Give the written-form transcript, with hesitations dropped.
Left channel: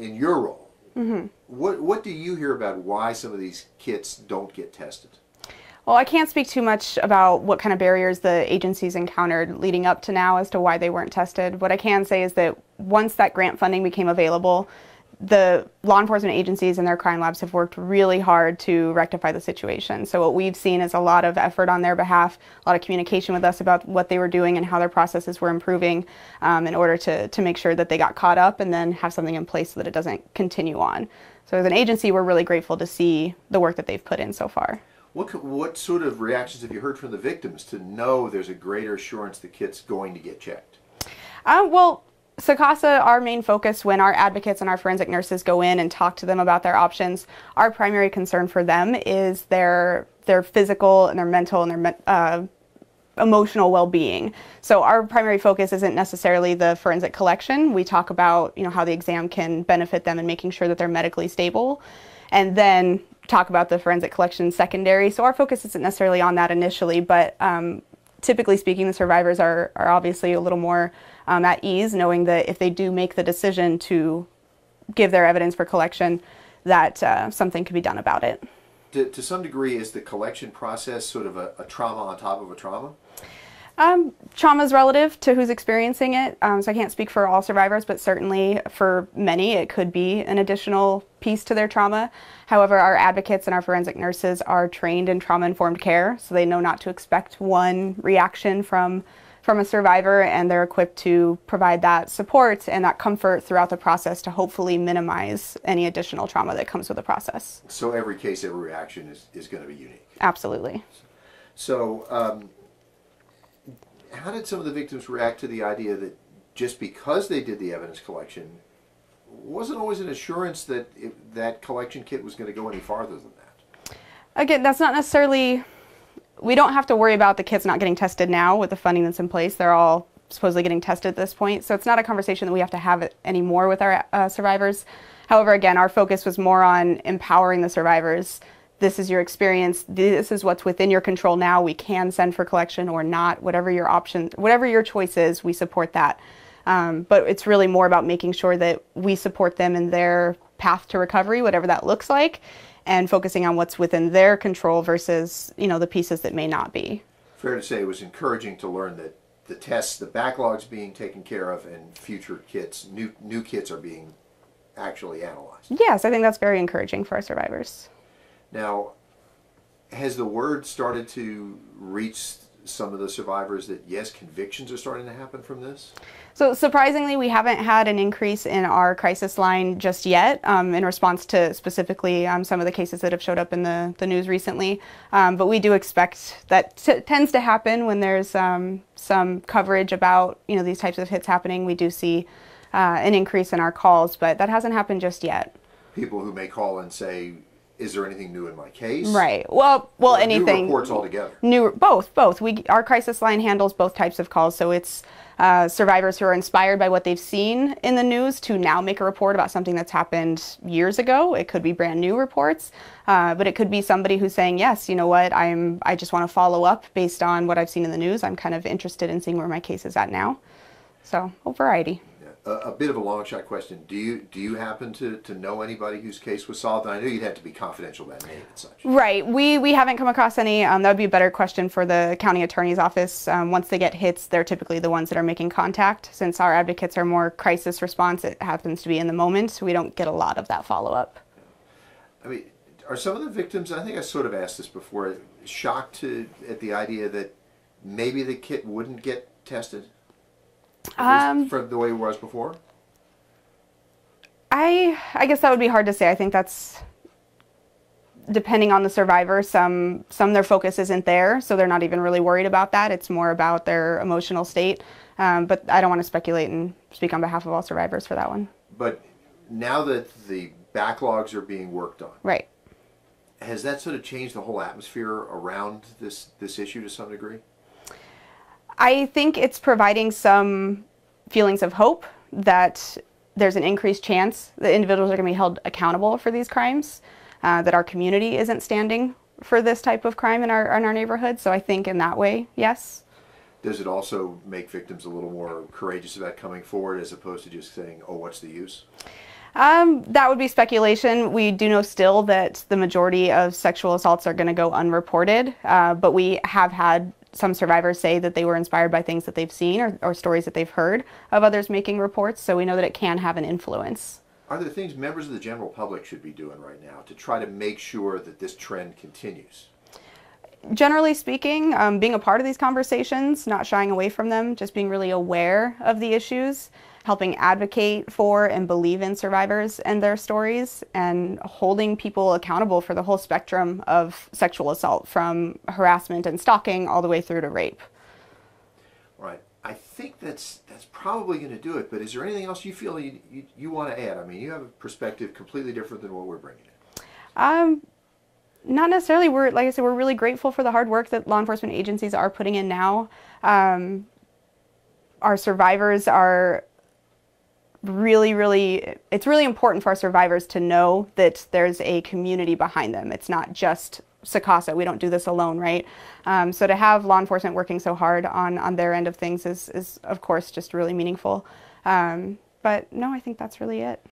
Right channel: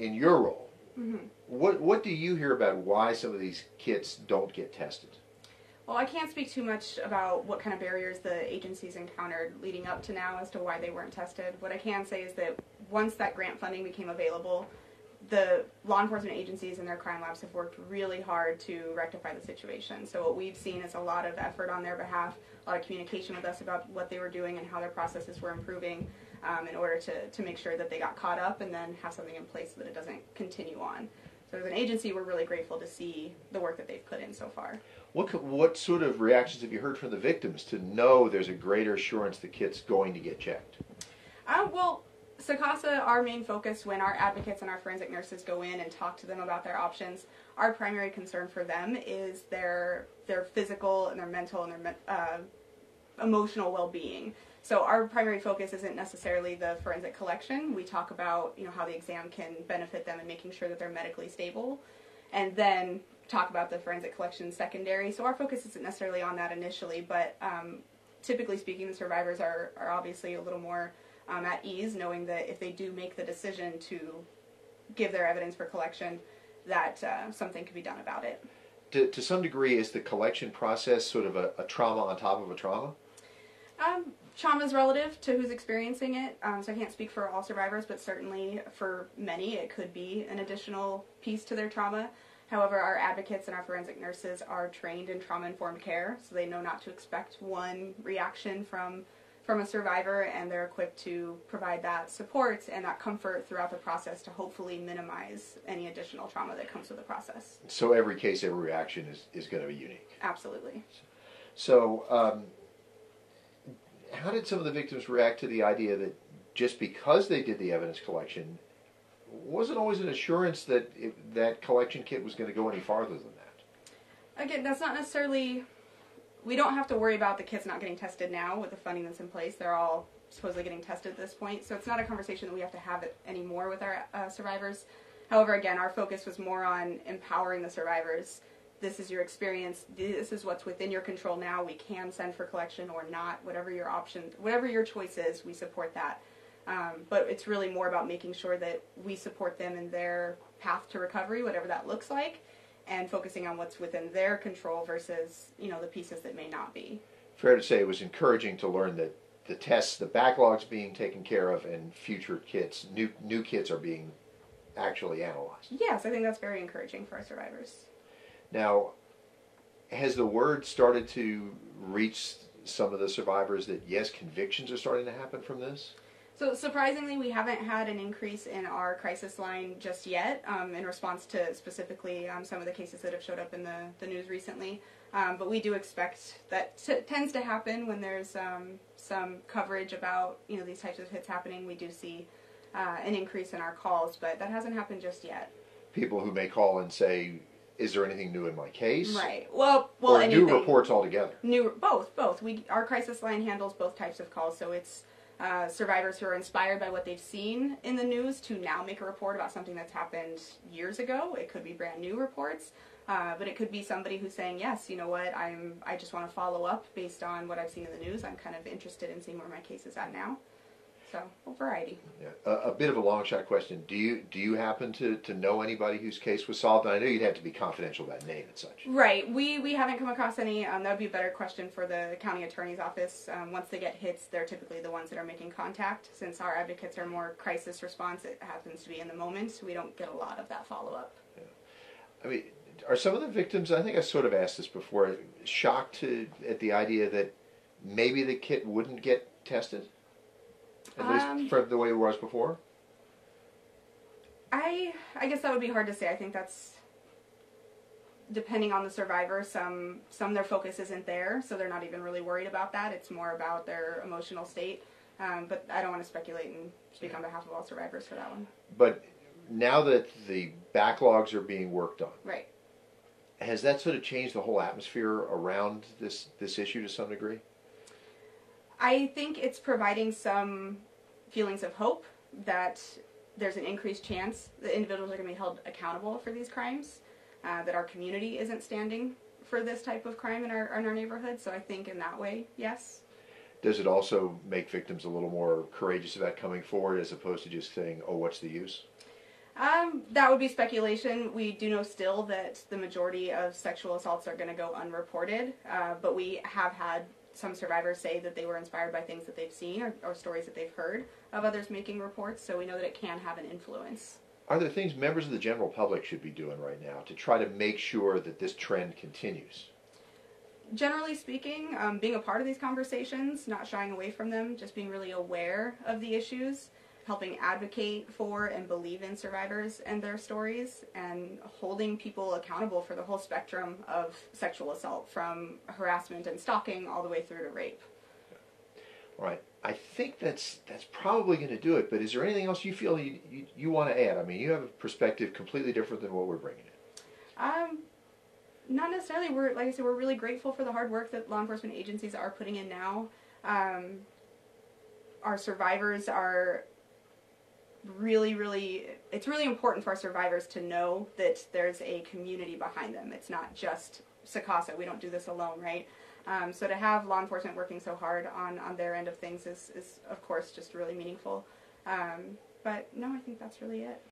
in your role, what do you hear about why some of these kits don't get tested? Well, I can't speak too much about what kind of barriers the agencies encountered leading up to now as to why they weren't tested. What I can say is that once that grant funding became available, the law enforcement agencies and their crime labs have worked really hard to rectify the situation. So what we've seen is a lot of effort on their behalf, a lot of communication with us about what they were doing and how their processes were improving in order to make sure that they got caught up and then have something in place so that it doesn't continue on. So as an agency, we're really grateful to see the work that they've put in so far. What sort of reactions have you heard from the victims to know there's a greater assurance the kit's going to get checked? Well, SACASA, our main focus when our advocates and our forensic nurses go in and talk to them about their options, our primary concern for them is their physical and their mental and their emotional well-being. So our primary focus isn't necessarily the forensic collection. We talk about, how the exam can benefit them in making sure that they're medically stable, and then talk about the forensic collection secondary. So our focus isn't necessarily on that initially, but typically speaking, the survivors are obviously a little more at ease, knowing that if they do make the decision to give their evidence for collection, that something could be done about it. To some degree, is the collection process sort of a trauma on top of a trauma? Trauma is relative to who's experiencing it, so I can't speak for all survivors, but certainly for many it could be an additional piece to their trauma. However, our advocates and our forensic nurses are trained in trauma-informed care, so they know not to expect one reaction from a survivor, and they're equipped to provide that support and that comfort throughout the process to hopefully minimize any additional trauma that comes with the process. So every case, every reaction is going to be unique? Absolutely. So how did some of the victims react to the idea that just because they did the evidence collection, wasn't always an assurance that that collection kit was going to go any farther than that? Again, that's not necessarily... We don't have to worry about the kits not getting tested now with the funding that's in place. They're all supposedly getting tested at this point. So it's not a conversation that we have to have anymore with our survivors. However, again, our focus was more on empowering the survivors. This is your experience. This is what's within your control now. We can send for collection or not. Whatever your option, whatever your choice is, we support that. But it's really more about making sure that we support them in their path to recovery, whatever that looks like, and focusing on what's within their control versus, the pieces that may not be. Fair to say it was encouraging to learn that the tests, the backlogs being taken care of, and future kits, new kits are being actually analyzed. Yes, I think that's very encouraging for our survivors. Now, has the word started to reach some of the survivors that, yes, convictions are starting to happen from this? So surprisingly, we haven't had an increase in our crisis line just yet in response to specifically some of the cases that have showed up in the news recently. But we do expect that tends to happen when there's some coverage about these types of hits happening. We do see an increase in our calls, but that hasn't happened just yet. People who may call and say, is there anything new in my case? Right. Well, or anything. New reports altogether. Both. Our crisis line handles both types of calls, so it's survivors who are inspired by what they've seen in the news to now make a report about something that's happened years ago. It could be brand new reports, but it could be somebody who's saying, yes, you know what, I just want to follow up based on what I've seen in the news. I'm kind of interested in seeing where my case is at now. So, a variety. A bit of a long shot question. Do you happen to know anybody whose case was solved? And I know you'd have to be confidential about name and such. Right. We haven't come across any. That would be a better question for the county attorney's office. Once they get hits, they're typically the ones that are making contact. Since our advocates are more crisis response, it happens to be in the moment. So we don't get a lot of that follow-up. I mean, are some of the victims, I think I sort of asked this before, shocked at the idea that maybe the kit wouldn't get tested? For the way it was before? I guess that would be hard to say. I think that's depending on the survivor. Some their focus isn't there, so they're not even really worried about that. It's more about their emotional state. But I don't want to speculate and speak on behalf of all survivors for that one. But now that the backlogs are being worked on, right, has that sort of changed the whole atmosphere around this issue to some degree? I think it's providing some feelings of hope that there's an increased chance that individuals are going to be held accountable for these crimes, that our community isn't standing for this type of crime in our neighborhood. So I think in that way, yes. Does it also make victims a little more courageous about coming forward as opposed to just saying, oh, what's the use? That would be speculation. We do know still that the majority of sexual assaults are going to go unreported, but we have had some survivors say that they were inspired by things that they've seen or stories that they've heard of others making reports, so we know that it can have an influence. Are there things members of the general public should be doing right now to try to make sure that this trend continues? Generally speaking, being a part of these conversations, not shying away from them, just being really aware of the issues, helping advocate for and believe in survivors and their stories, and holding people accountable for the whole spectrum of sexual assault, from harassment and stalking all the way through to rape. All right. I think that's probably going to do it, but is there anything else you feel you want to add? I mean, you have a perspective completely different than what we're bringing in. Not necessarily. Like I said, we're really grateful for the hard work that law enforcement agencies are putting in now. Our survivors are it's really important for our survivors to know that there's a community behind them. It's not just SACASA. We don't do this alone, right? So to have law enforcement working so hard on their end of things is of course just really meaningful. But no, I think that's really it.